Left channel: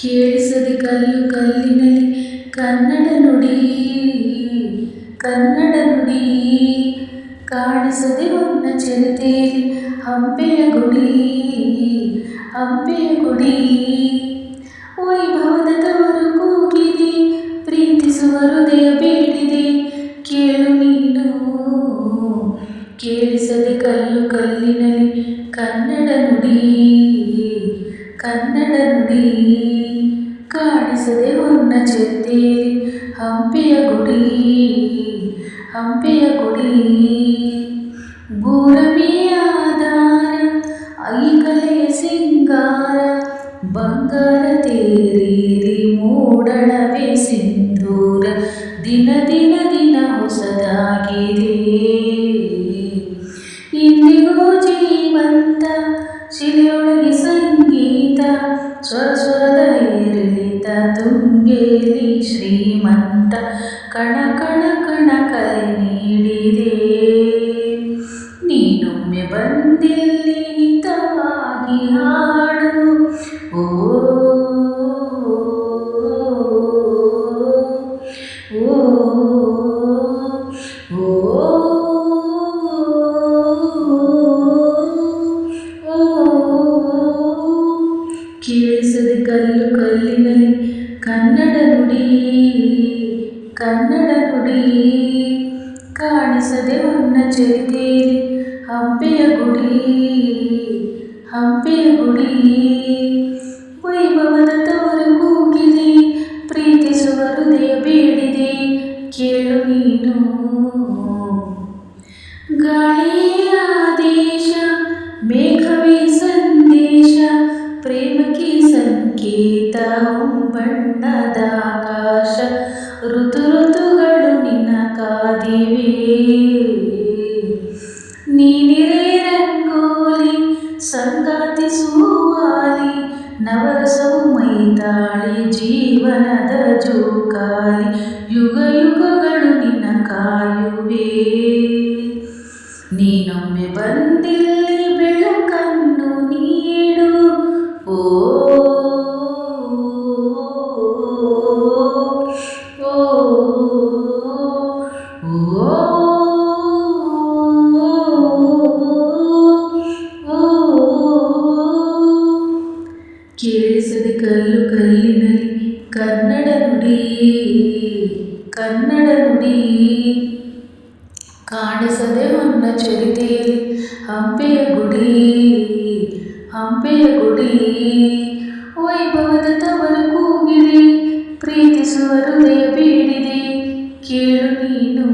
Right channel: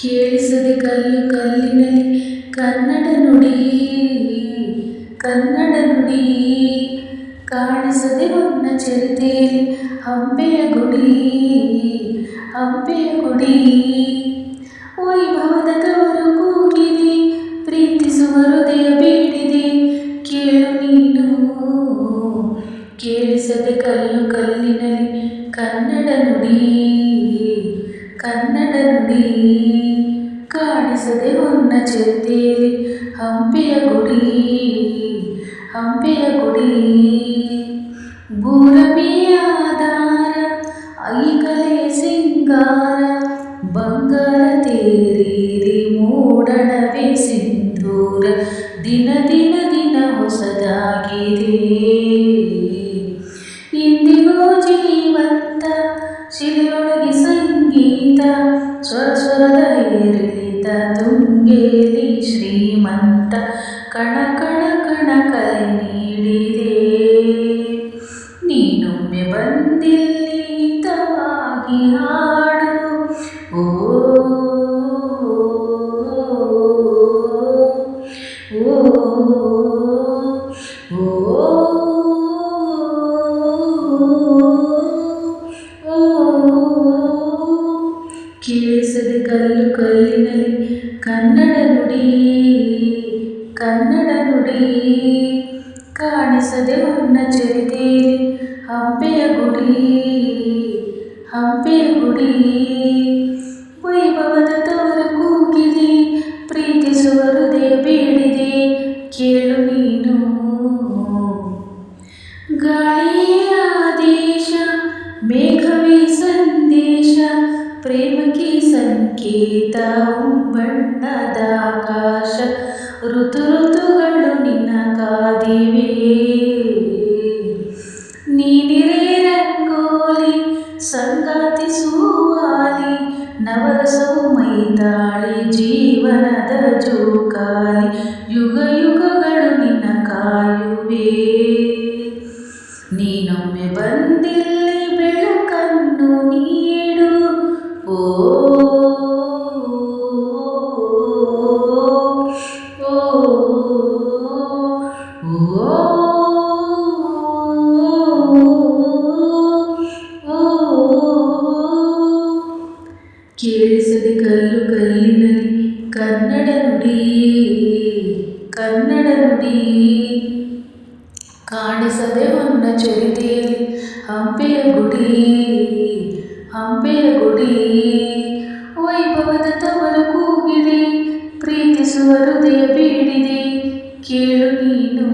ಕೇಳಿಸದೆ ಕಲ್ಲು ಕಲ್ಲಿನಲ್ಲಿ ಕನ್ನಡ ನುಡಿ ಕನ್ನಡ ನುಡಿ ಕಾಣಿಸದೆ ಹೊನ್ನ ಚರಿತೆಯಲ್ಲಿ ಹಂಪೆಯ ಗುಡಿ ಹಂಪೆಯ ಗುಡಿ ವೈಭವದ ತವರು ಕೂಗಿದೆ ಪ್ರೀತಿಸುವ ಹೃದಯ ಬೇಡಿದೆ ಕೇಳು ನೀನು ಕೇಳಿಸದೆ ಕಲ್ಲು ಕಲ್ಲಿನಲ್ಲಿ ಕನ್ನಡ ನುಡಿ ಕನ್ನಡ ನುಡಿ ಕಾಣಿಸದೆ ಹೊನ್ನ ಚರಿತೆಯಲ್ಲಿ ಹಂಪೆಯ ಗುಡಿ ಹಂಪೆಯ ಗುಡಿ ಭೂರಮೆಯ ಆಧಾರ ಐಕಲೆಯ ಸಿಂಗಾರ ಬಂಗಾರ ತೇರೇರಿ ಮೂಡಣವೇ ಸಿಂಧೂರ ದಿನ ದಿನ ದಿನ ಹೊಸದಾಗಿದೆ ಇಂದಿಗೂ ಜೀವಂತ ಶಿಲೆಯೊಳಗೆ ಸಂಗೀತ ಸ್ವರ ಸ್ವರದ ಏರಿಳಿತ ತುಂಗೇಲಿ ಶ್ರೀಮಂತ ಕಣ ಕಣ ಕಣ ಕಲೆ ನೀಡಿದೆ ನೀನೊಮ್ಮೆ ಬಂದಿಲ್ಲಿ ಹಿತವಾಗಿ ಹಾಡು ಓ ಕೇಳಿಸದೆ ಕಲ್ಲು ಕಲ್ಲಿನಲ್ಲಿ ಕನ್ನಡ ನುಡಿ ಕನ್ನಡ ನುಡಿ ಕಾಣಿಸದೆ ಹೊನ್ನ ಚರಿತೆಯಲ್ಲಿ ಹಂಪೆಯ ಗುಡಿ ಹಂಪೆಯ ಗುಡಿ ವೈಭವದ ತವರು ಕೂಗಿದೆ ಪ್ರೀತಿಸುವ ಹೃದಯ ಬೇಡಿದೆ ಕೇಳು ನೀನು ಗಾಳಿಯ ಆದೇಶ ಮೇಘವೇ ಸಂದೇಶ ಪ್ರೇಮಕ್ಕೆ ಸಂಕೇತ ಬಣ್ಣದ ಆಕಾಶ ಋತು ಋತುಗಳು ನಿನ್ನ ಕಾದಿವೆ ನೀನಿರೇ ರಂಗೋಲಿ ಸಂಗಾತಿ ಸುವಾಲಿ ನವರಸವು ಮೈತಾಳಿ ಜೀವನದ ಜೋಕಾಲಿ ಯುಗ ಯುಗಗಳು ನಿನ್ನ ಕಾಯುವೆ ನೀನೊಮ್ಮೆ ಬಂದಿಲ್ಲಿ ಬೆಳಕನ್ನು ನೀಡು ಓ ಕೇಳಿಸದೆ ಕಲ್ಲು ಕಲ್ಲಿನಲ್ಲಿ ಕನ್ನಡ ನುಡಿ ಕನ್ನಡ ನುಡಿ ಕಾಣಿಸದೆ ಹೊನ್ನ ಚರಿತೆಯಲ್ಲಿ ಹಂಪೆಯ ಗುಡಿ ಹಂಪೆಯ ಗುಡಿ ವೈಭವದ ತವರು ಕೂಗಿದೆ ಪ್ರೀತಿಸುವ ಹೃದಯ ಬೇಡಿದೆ ಕೇಳು ನೀನು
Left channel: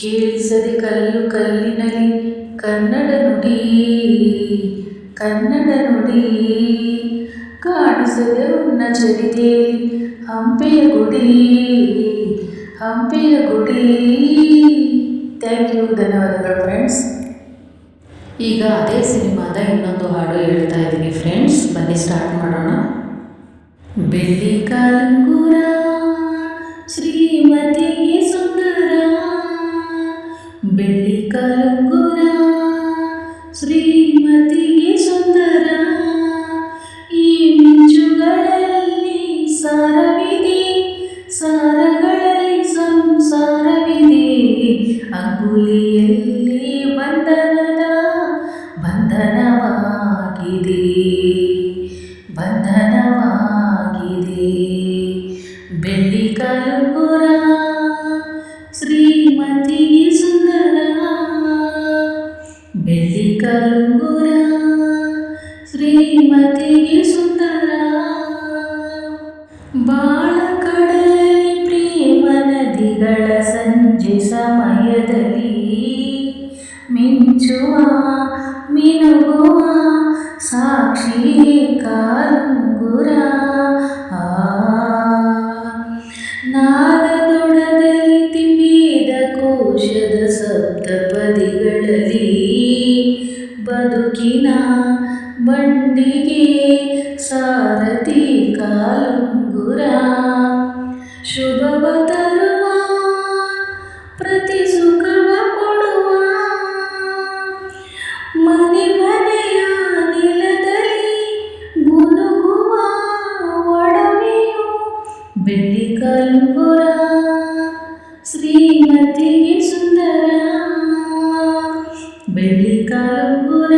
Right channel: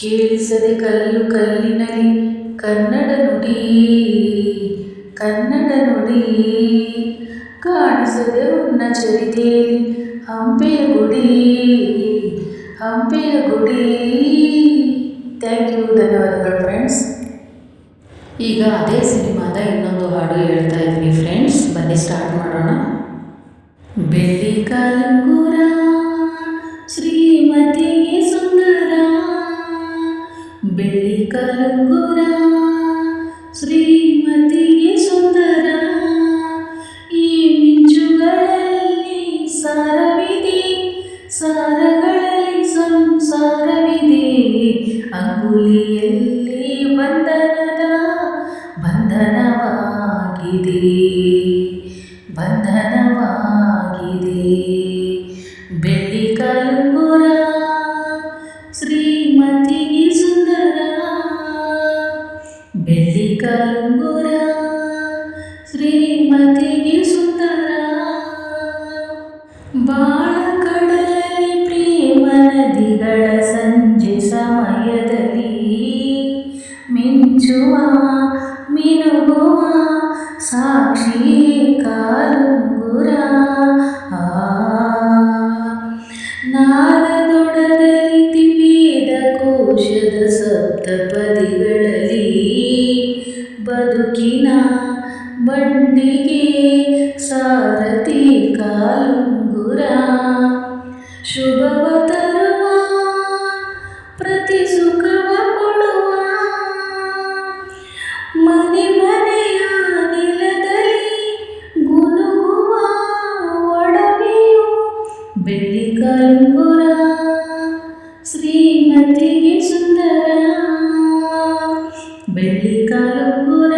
ಕೇಳಿಸದೆ ಕಲ್ಲು ಕಲ್ಲಿನಲ್ಲಿ ಕನ್ನಡ ನುಡಿ ಕನ್ನಡ ನುಡಿ ಕಾಣಿಸದೆ ಹೊನ್ನ ಚರಿತೆಯಲ್ಲಿ ಹಂಪೆಯ ಗುಡಿ ಹಂಪೆಯ ಗುಡಿ ಥ್ಯಾಂಕ್ ಯು ಧನ್ಯವಾದಗಳು ಫ್ರೆಂಡ್ಸ್. ಈಗ ಅದೇ ಸಿನಿಮಾದ ಇನ್ನೊಂದು ಹಾಡು ಹೇಳ್ತಾ ಇದ್ದೀನಿ ಫ್ರೆಂಡ್ಸ್, ಬನ್ನಿ ಸ್ಟಾರ್ಟ್ ಮಾಡೋಣ. ಬೆಳ್ಳಿ ಕಾಲುಂಗುರ ಶ್ರೀಮತಿಗೆ ಸುಂದರ, ಬೆಳ್ಳಿ ಕಾಲುಂಗುರ ಶ್ರೀಮತಿಗೆ ಸುಂದರ, ಈ ಮಿಂಚುಗಳಲ್ಲಿ ಸಾರವಿದೆ, ಸಾರಗಳಲ್ಲಿ ಸಂಸಾರವಿದೆ, ಅಂಗುಲಿಯಲ್ಲಿ ಬಂಧನದ ಬಂಧನವಾಗಿದೆ, ಬಂಧನವಾಗಿದೆ. ಬೆಳ್ಳಿ ಕಾಲುಂಗುರ ಶ್ರೀಮತಿಗೆ ಸುಂದರ, ಬೆಳ್ಳಿ ಕಾಲುಂಗುರ ಶ್ರೀಮತಿಗೆ ಸುಂದರ, ಬಾಳ ಕಡಲಲ್ಲಿ ಪ್ರೇಮ ನದಿಗಳ ಸಂಜೆ ಸಮಯದಲ್ಲಿ ಮಿಂಚುವ ಮಿನುಗುವ ಸಾಕ್ಷಿ ಕಾಲುಂಗುರ, ನಾದದೊಡದಲ್ಲಿ ತಿವೇದ ಕೋಶದ ಸಪ್ತಪದಿಗಳಲ್ಲಿ ಬದುಕಿನ ಬಂಡಿಗೆ ಸಾರಥಿ ಕಾಲುಂಗುರ, ಶುಭವ ತರುವ ಪ್ರತಿ ಸುಖವ ಕೊಡುವ, ಮನೆ ಮನೆಯ ನೆಲದಲ್ಲಿ ಶ್ರೀಮತಿಗೆ ಸುಂದರ ಬೆಳ್ಳಿ ಕಾಲುಂಗುರ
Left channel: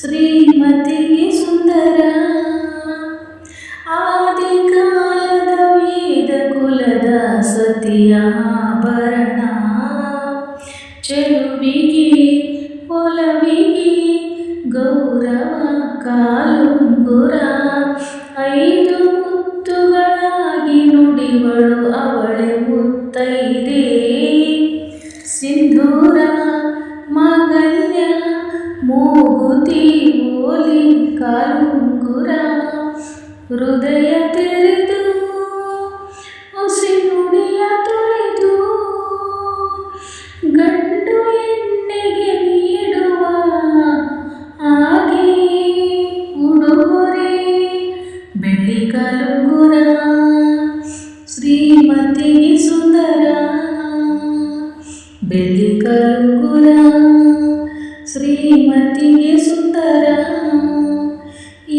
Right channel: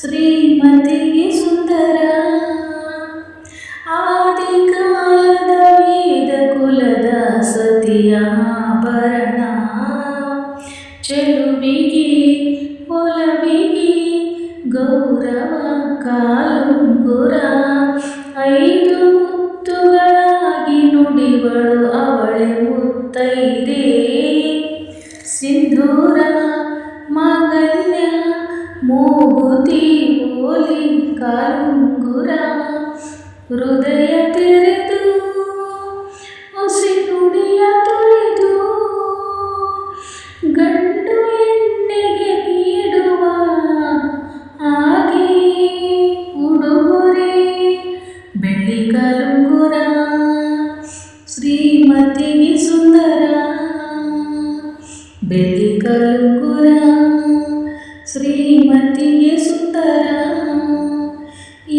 ಶ್ರೀಮತಿಗೆ ಸುಂದರ ಆದಿಕಾಲದ ವೇದ ಕುಲದ ಸತಿಯಾಭರಣ ಚೆಲುವಿಗೆ ಒಲವಿಗೆ ಗೌರವ ಕಾಲುಂಗುರ 5 ಮುತ್ತುಗಳಾಗಿ ನುಡಿವಳು ಅವಳೆ ಮುತ್ತೈದೆ ಸಿಂಧೂರ ಮಾಂಗಲ್ಯ ಮೂಗುತಿ ಓಲಿ ಕಾಲುಂಗುರ ಹೃದಯ ತೆರೆದು ಹುಸಿ ನುಡಿಯ ತೊರೆದು ಗಂಡು ಹೆಣ್ಣಿಗೆ ನೀಡುವ ಹಾಗೆ ಉಡುಗೊರೆ ಬೆಳ್ಳಿ ಕಾಲುಂಗುರ ಶ್ರೀಮತಿಗೆ ಸುಂದರ ಬೆಳ್ಳಿ ಕಾಲುಂಗುರ ಶ್ರೀಮತಿಗೆ ಸುಂದರ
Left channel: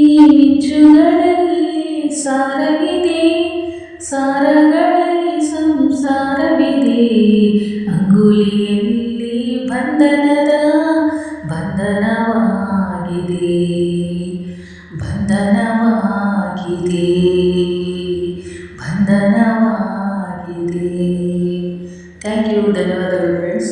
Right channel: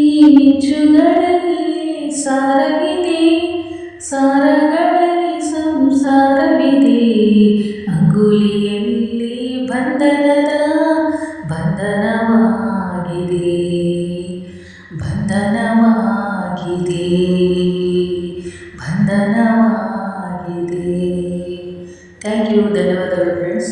ಈ ಮಿಂಚುಗಳಲ್ಲಿ ಸಾರವಿದೆ ಸಾರಗಳಲ್ಲಿ ಸಂಸಾರವಿದೆ ಅಂಗುಲಿಯಲ್ಲಿ ಬಂಧನದ ಬಂಧನವಾಗಿದೆ ಬಂಧನವಾಗಿದೆ ಬಂಧನವಾಗಿದೆ ಥ್ಯಾಂಕ್ ಯು ಧನ್ಯವಾದಗಳು ಫ್ರೆಂಡ್ಸ್.